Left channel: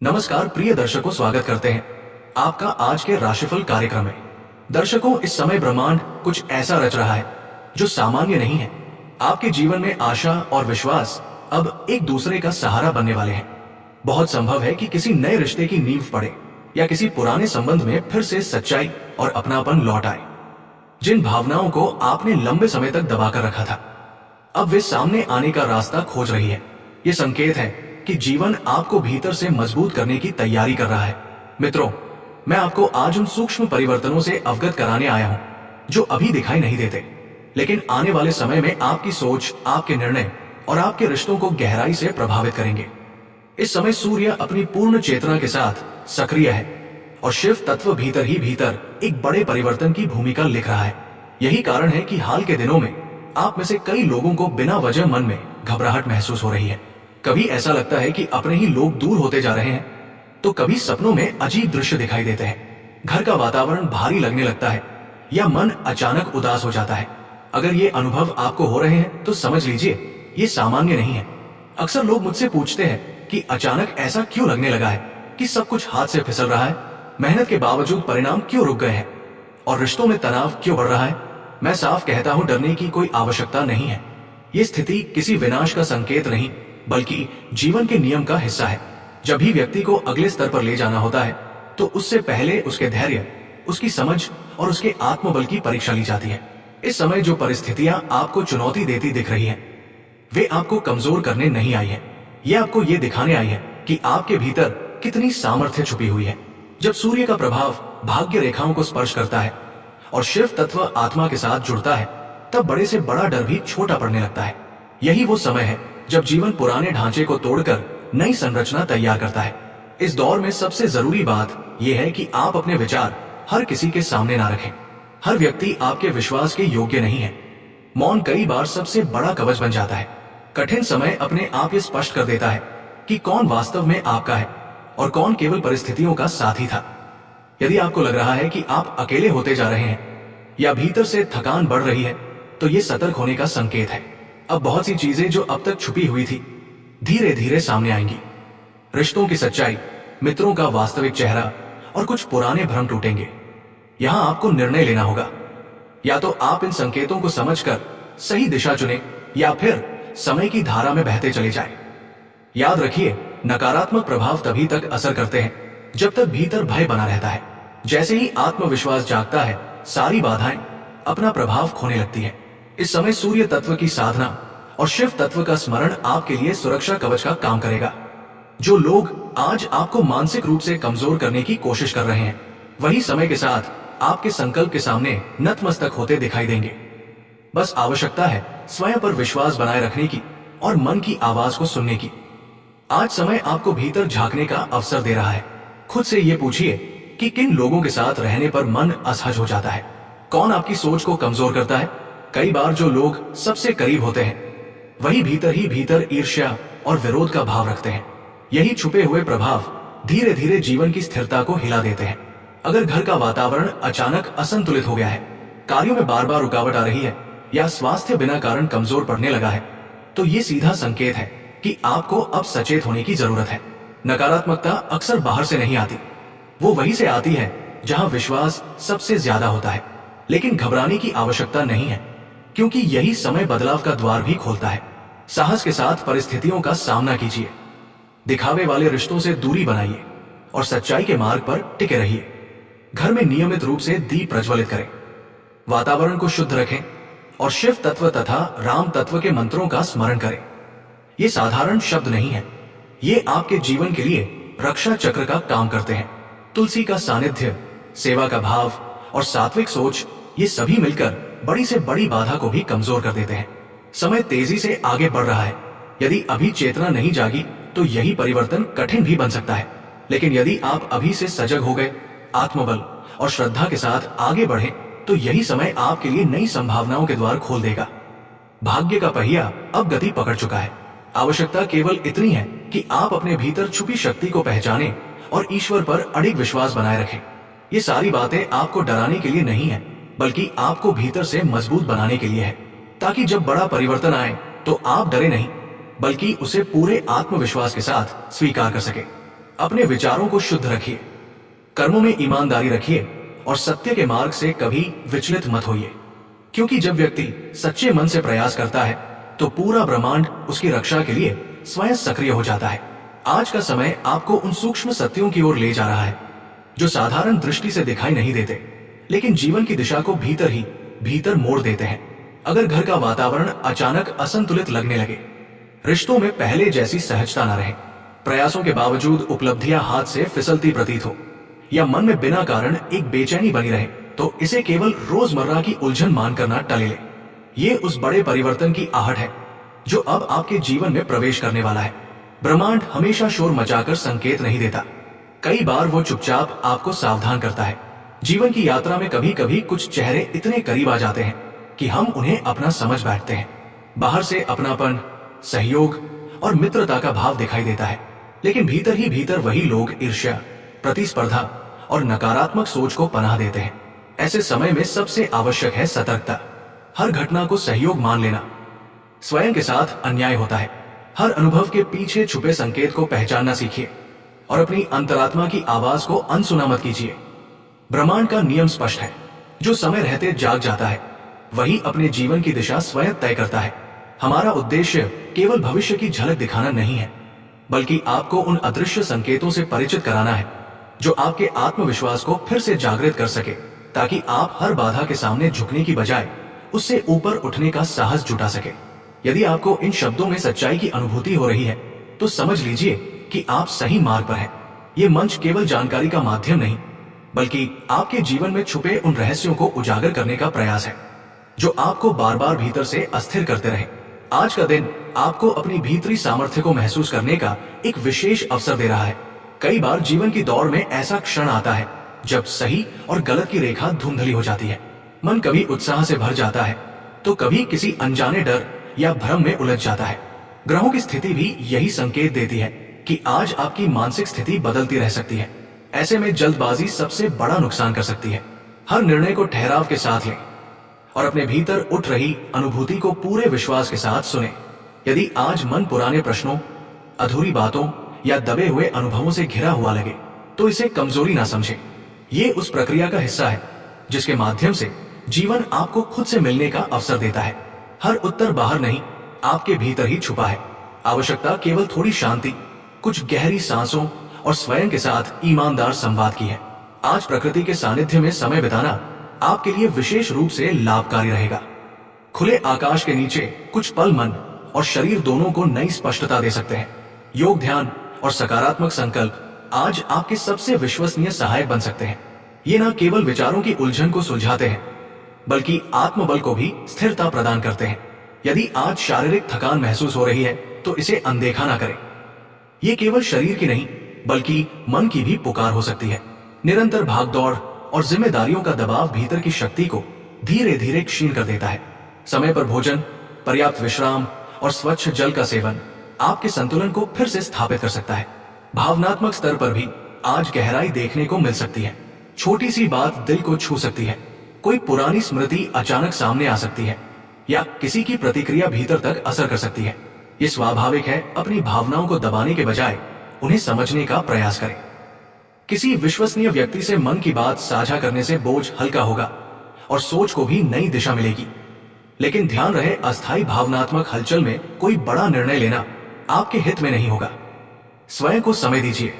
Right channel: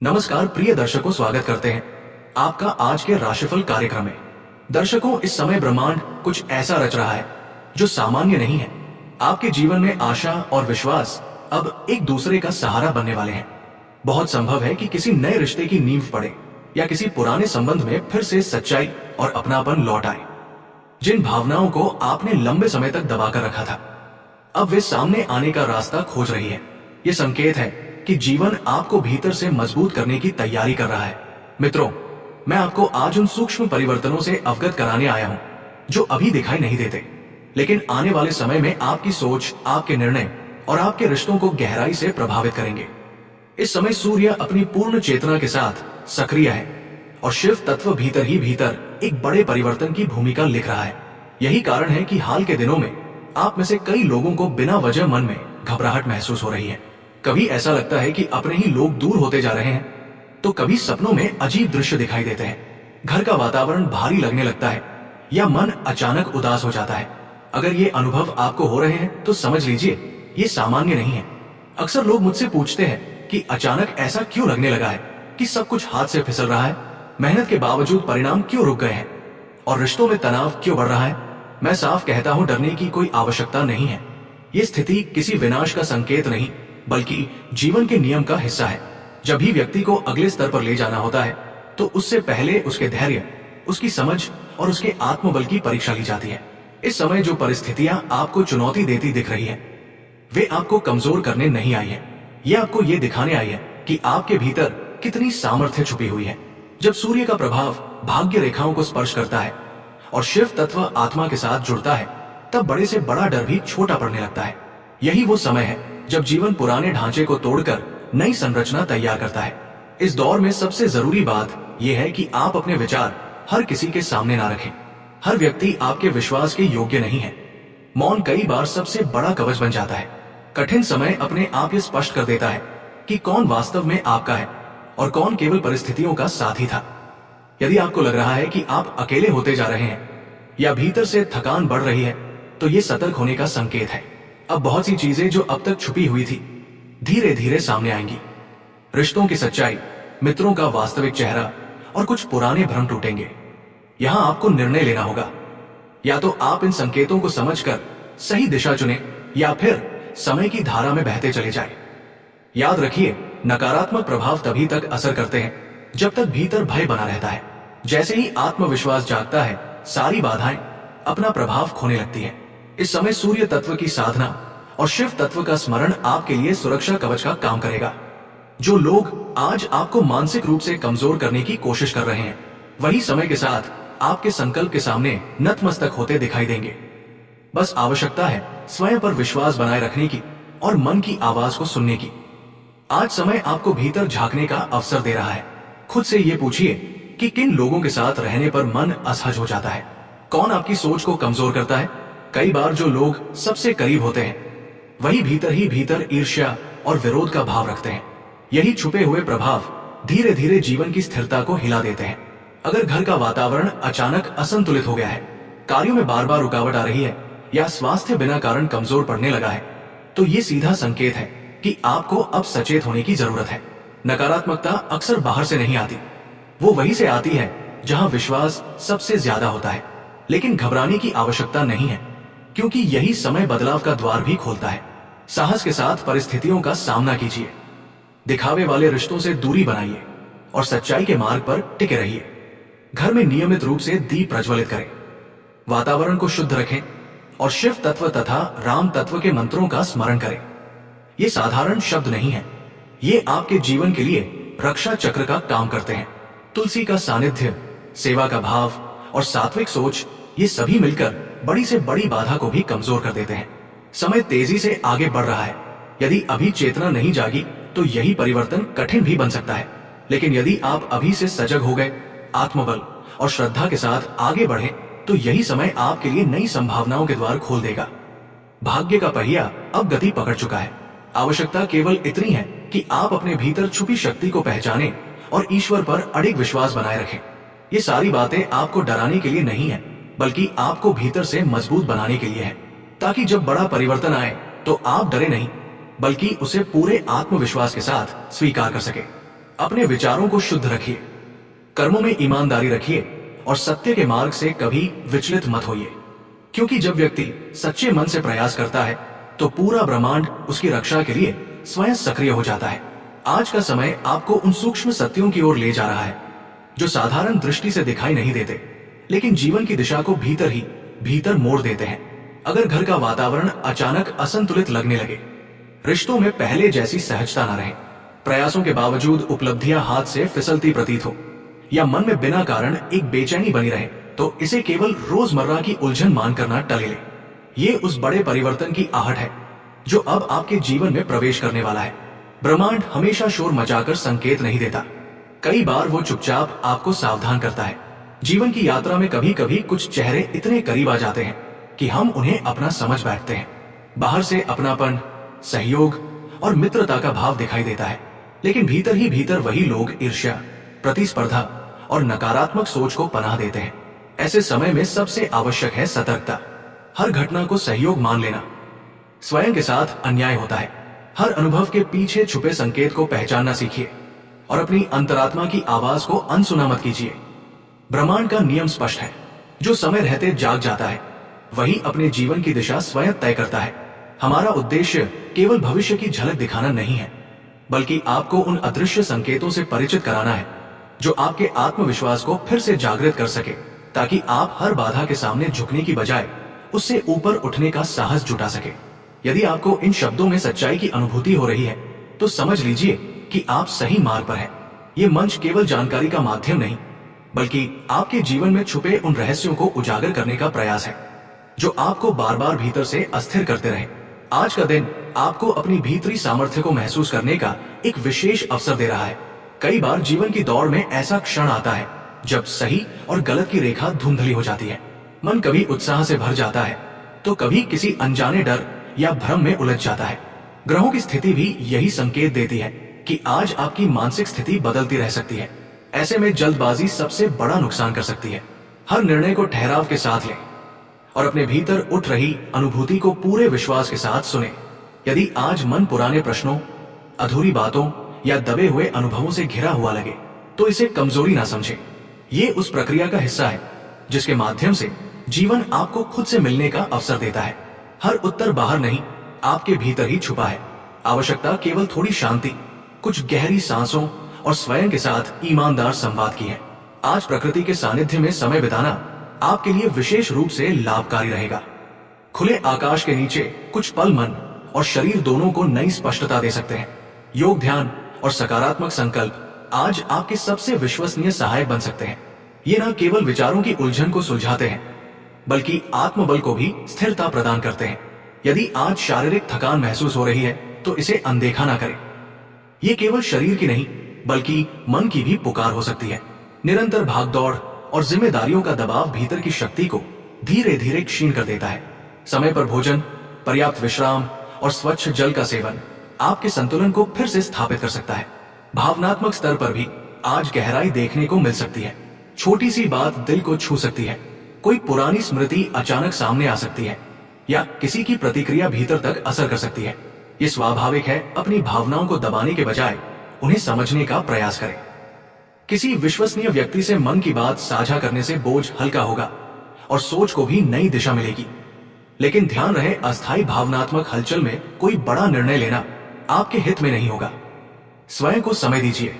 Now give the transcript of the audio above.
नमस्कार प्रिय दर्शकों, स्वागत करते हैं आपका आज के राशिफल कार्यक्रम में। दर्शकों, इस समय ब्रह्मांड कुछ ऐसा रच रहा है जो सामान्य नहीं है। आपके जीवन में आशा और विश्वास अब एक दूसरे का सहारा बनने वाले हैं। बहुत संभव है कि किसी नए रिश्ते की नींव पड़े या किसी पुराने संबंध में फिर से सच्चाई और अपनापन लौट आए। जिन भावनाओं को आपने लंबे समय तक दबाकर रखा था, अब वे सामने आने का रास्ता खोज रही है। ये संकेत है कि जीवन आपको भीतर से मजबूत करने की तैयारी कर रहा है। मित्रों, मैं आपको आज उन सूक्ष्म परिवर्तनों से अवगत कराने आया हूं जो अभी दिखाई नहीं देते, लेकिन आने वाले समय में आपकी सोच, आपके निर्णय और आपके रिश्तों को गहराई से प्रभावित करेंगे। इस समय सूर्य अपनी पूर्ण चेतना के साथ सक्रिय है और शिव तत्व भीतर ही भीतर एक बड़े परिवर्तन की भूमिका लिख रहा है। यही कारण है कि हाल के दिनों में आप में से कई लोगों को बिना वजह मन में घबराहट महसूस हो रही है। कभी ऐसा लगता है कि अपने ही लोग दूर होते जा रहे हैं, तो कभी सपनों में अजीब दृश्य दिखाई देते हैं। घर का वातावरण भारी लगने लगता है या मन अचानक उदास हो जाता है। अगर ये अनुभव आपको हो रहे हैं तो समझ लीजिए ये सामान्य नहीं है। अक्सर लोग मुझसे पूछते हैं कि अचानक ऐसा क्यों लगने लगा है, कि सब कुछ हाथ से फिसल रहा है, मेहनत के बावजूद परिणाम क्यों रुक गए हैं और रिश्तों में तनाव क्यों बढ़ रहा है। मैं साफ कहता हूं, डरने की कोई आवश्यकता नहीं है। ये स्थिति किसी विनाश का संकेत नहीं, बल्कि जीवन के नियम का हिस्सा है। जब भी व्यक्ति को अगले स्तर पर ले जाना होता है, तो उससे पहले उसके धैर्य, उसकी समझ और उसके आत्मबल की परीक्षा ली जाती है। इस समय जो परिस्थितियां आपको चुनौती देती दिख रही हैं, वे आपको कमजोर करने नहीं आई है। ये आपको ये दिखाने आई है कि आपके भीतर कितनी सामर्थ्य छुपी हुई है। जब सूर्य का प्रभाव भाग्य रेखाओं को स्पर्श करता है और शिव तत्व आत्मा के साथ जुड़ता है, तब बड़े से बड़ा डर भी छोटा पड़ने लगता है। यही वो समय है जब जीवन पुराने ढांचे को तोड़कर नई संरचना तैयार करता है। इस दौर में सबसे जरूरी बात यह है कि आप अपने विचार हर किसी के सामने ना रखें। हर व्यक्ति आपके विश्वास के योग्य नहीं है। मौन कई बार सबसे बड़ा कवच बन जाता है। कठिन समय अपने आप ये स्पष्ट कर देता है कि कौन वास्तव में आपका है और कौन केवल परिस्थितियों का साथी था। यदि आपको लग रहा है कि आप अकेले होते जा रहे हैं या भीतर से थकान बढ़ रही है, तो ये सतर्क होने का संकेत है। अब बहुत सी चीजें जो अब तक छुपी हुई थी, धीरे धीरे सामने आएंगी। रिश्तों की सच्चाई, मित्रों का वास्तविक चेहरा और कुछ पुराने भ्रम टूटेंगे। यहां आपको निर्णय लेना होगा। या तो आप इन संकेतों को समझकर सही दिशा चुने या फिर समय की धारा में बहते चले जाए। याद रखिए, नकारात्मक प्रभाव तभी तक असर करते हैं जब तक भीतर भय बना रहता है। जैसे ही आत्मविश्वास जागता है, सारी बाधाएं अपना प्रभाव खोने लगती है। इस समय सूर्य तत्व की साधना और शिव तत्व का स्मरण आपके लिए सुरक्षा कवच का काम करेगा। जो लोग आज आपको मानसिक रूप से कमजोर करने की कोशिश कर रहे हैं, वही समय के साथ आपके संकल्प के सामने नतमस्तक होते दिखाई देंगे। बस आवश्यकता है स्वयं पर विश्वास बनाए रखने की और मन की आवाज को सुनने की। आज समय आपको भीतर झांकने का अवसर दे रहा है। खुद से ये पूछिए कि किन लोगों के साथ रहने पर मन असहज हो जाता है। कौन आपकी सोच को कमजोर करता है। कई बार जो लोग सबसे करीब होते हैं, वही भीतर ही भीतर ईर्ष्या और विरोध का भाव रखते हैं। यही छुपे हुए प्रभाव धीरे धीरे जीवन की स्थिरता को हिला देते हैं। अगर घर का वातावरण अचानक असंतुलित हो गया है, कार्यों में बार बार रुकावट आ रही है या स्वास्थ्य बिना कारण कमजोर पड़ने लगा है, तो ये सीधा संकेत है कि आपको अब सचेत होने की जरूरत है। नकारात्मकता अक्सर बाहर से नहीं आती, वो वहीं से आती है जहां विश्वास सबसे ज्यादा होता है। लेकिन घबराने की आवश्यकता नहीं है, क्योंकि यही समय बदलाव का द्वार भी खोलता है। साहस के साथ परिस्थितियों का सामना कीजिए, दिखावे वाले रिश्तों से दूरी बनाइए और सच्चाई के मार्ग पर टिके रहिए। घर में नियमित रूप से दीप प्रज्वलित करें, वातावरण को शुद्ध रखें और शिव तत्व तथा राम तत्व के मंत्रों का स्मरण करें। ये साधारण शब्द नहीं है, ये आपके जीवन के लिए रक्षा चक्र का काम करते हैं। तुलसी का सानिध्य, सेवा का भाव और सात्विक सोच, ये सभी मिलकर बड़ी से बड़ी बाधा को भी कमजोर कर देते हैं। समय तेजी से आगे बढ़ रहा है। यदि अभी चेतना नहीं जागी तो यही परिवर्तन कठिन भी बन सकता है। लेकिन यदि आप अभी से सजग हो गए, आत्मबल और श्रद्धा के साथ आगे बढ़े, तो यही समय आपके लिए नई संभावनाओं के द्वार खोल देगा। भाग्य का पहिया अब गति पकड़ चुका है। आवश्यकता केवल इतनी है कि आप अपने भीतर छुपी शक्ति को पहचानें और ईश्वर पर अडिग विश्वास बनाए रखें। ये सारी बातें आपको डराने के लिए नहीं है, बल्कि आपको भीतर से मजबूत बनाने के लिए है, ताकि जब बड़ा परिवर्तन आए तो आप डरे नहीं, बल्कि उसे पूरे आत्मविश्वास के साथ स्वीकार कर सके। अपने विचारों को शुद्ध रखिए, कर्मों में ईमानदारी रखिए और सत्य के मार्ग से कभी विचलित मत होइए। क्योंकि जब व्यक्ति सच्चे मन से प्रयास करता है तो पूरा ब्रह्मांड उसकी रक्षा के लिए स्वयं सक्रिय हो जाता है। आज का समय आपको उन सूक्ष्म सत्यों की ओर ले जा रहा है जो साधारण दृष्टि से दिखाई नहीं देते, लेकिन जीवन की दिशा को भीतर ही भीतर मोड़ देते हैं। अगर घर का वातावरण अचानक असंतुलित लगने लगे, रिश्तों में पहले जैसी सहजता न रहे, प्रयासों के बावजूद उपलब्धियां हाथ से फिसलती प्रतीत हो, या मन में बिना कारण एक बेचैनी बनी रहे, तो इसे केवल रोजमर्रा की उलझन मानकर ना टले ले। ये उस बड़े परिवर्तन की आहट है जो अब आपके जीवन में प्रवेश करने वाला है। ब्रह्मांड हमेशा शोर मचाकर संकेत नहीं देता, कई बार वो चुपचाप आपको सावधान करता है। जीवन की यात्रा में कभी कभी कुछ चेहरे इतने करीब आ जाते हैं कि हम उन्हें अपना समझ बैठते हैं। बाहर से अपनापन, सहयोग और मित्रता का भाव दिखाई देता है, लेकिन भीतर ही भीतर वही लोग ईर्ष्या, प्रतिस्पर्धा और नकारात्मक सोच को पनाह देते हैं। ऐसे समय में सबसे आवश्यक है सतर्कता। हर घटना को सहयोग मान लेना स्वयं के साथ अन्याय होता है। हर अनुभव के पीछे छुपे संकेत को पहचानना सीखिए और अपनी अंतरात्मा की आवाज को अनसुना मत कीजिए। ब्रह्मांड का नियम स्पष्ट है, जो समय रहते जाग जाता है वही अपने जीवन की दिशा स्वयं तय करता है। हमारा उद्देश्य केवल भविष्य की झलक दिखाना नहीं है, बल्कि आपको उन अदृश्य संकेतों से परिचित कराना है जो आपके आत्मविश्वास को फिर से जागृत कर सके, ताकि आप हर बाधा के सामने झुकने की बजाय उससे ऊपर उठने का साहस जुटा सके। यदि आपको इन शब्दों में सच्चाई की अनुभूति हो रही है तो समझ लीजिए कि आप सही मार्ग पर हैं। ये मंच केवल जानकारी का माध्यम नहीं, बल्कि आपके जीवन में छुपे उन रहस्यों को उजागर करने का प्रयास है जो आपको बार बार भीतर से अस्थिर करते रहे। आज का दिन आपको अपनी भीतरी सामर्थ्य को महसूस करने का एक विशेष अवसर दे रहा है। कई बार जीवन की दौड़ में ऐसा क्षण आता है जब सही और गलत की रेखा धुंधली हो जाती है। मन कभी उत्साह से भर जाता है तो कभी किसी अनजाने डर या भ्रम में उलझ जाता है। ग्रहों की स्थिति भी यही संकेत देती है कि आज आपकी मानसिक स्थिति बदलती रह सकती है। ऐसे में जल्दबाजी सबसे बड़ा नुकसान कर सकती है। हर निर्णय को ठहराव के साथ लें और अपने भीतर उठ रही अनुभूति को पूरे विश्वास के साथ सुने। यदि आज मन पुराने प्रश्नों, अधूरी बातों या दबे हुए अनुभवों से घिरा हुआ लगे तो इसे कमजोरी ना समझे। ये उस प्रक्रिया का हिस्सा है जिसके माध्यम से जीवन आपको खुद से मिलने का अवसर देता है। हर उत्तर बाहर नहीं, आपके भीतर ही छुपा है। आवश्यकता केवल थोड़ी शांति, कुछ गहरी सांसों और स्वयं के साथ ईमानदार संवाद की है। आज प्रकृति के सानिध्य में समय बिताना आपके लिए विशेष रूप से लाभकारी रहेगा। खुले आकाश के नीचे कुछ पल मन और शरीर दोनों को नई स्पष्टता दे सकते हैं। योग, ध्यान और सकारात्मक संकल्प आज आपके सबसे विश्वसनीय सहायक बन सकते हैं। ये न केवल विचारों की उलझन को सुलझाते हैं, बल्कि आत्मबल को भी स्थिरता प्रदान करते हैं। यदि आज शारीरिक थकान महसूस हो रही है तो इसे अनदेखा ना करें। ये केवल शरीर की नहीं, बल्कि मन की भी पुकार हो सकती है। निरंतर भागदौड़ और जिम्मेदारियों का दबाव भीतर की शक्ति को धीरे धीरे क्षीण कर देता है। समय पर भोजन, पर्याप्त विश्राम और स्वच्छ जल का सेवन आपके संतुलन को फिर से स्थापित कर सकता है। भावनात्मक स्तर पर भी आज गहराई देखने को मिल सकती है। छोटी सी बात दिल को छू सकती है, कोई पुरानी स्मृति अचानक सामने आ सकती है, या किसी की प्रतिक्रिया भीतर तक असर कर सकती है। ये स्वाभाविक है। अपनी भावनाओं को दबाने के बजाय उन्हें समझने का प्रयास करें। किसी विश्वसनीय व्यक्ति से मन की बात साझा करने से बोझ हल्का होगा और सोच को भी नई दिशा मिलेगी। लेकिन ध्यान रहे, अस्थायी भावनात्मक हलचल में कोई बड़ा निर्णय लेना आपके हित में नहीं होगा। स्वयं को समय दीजिए।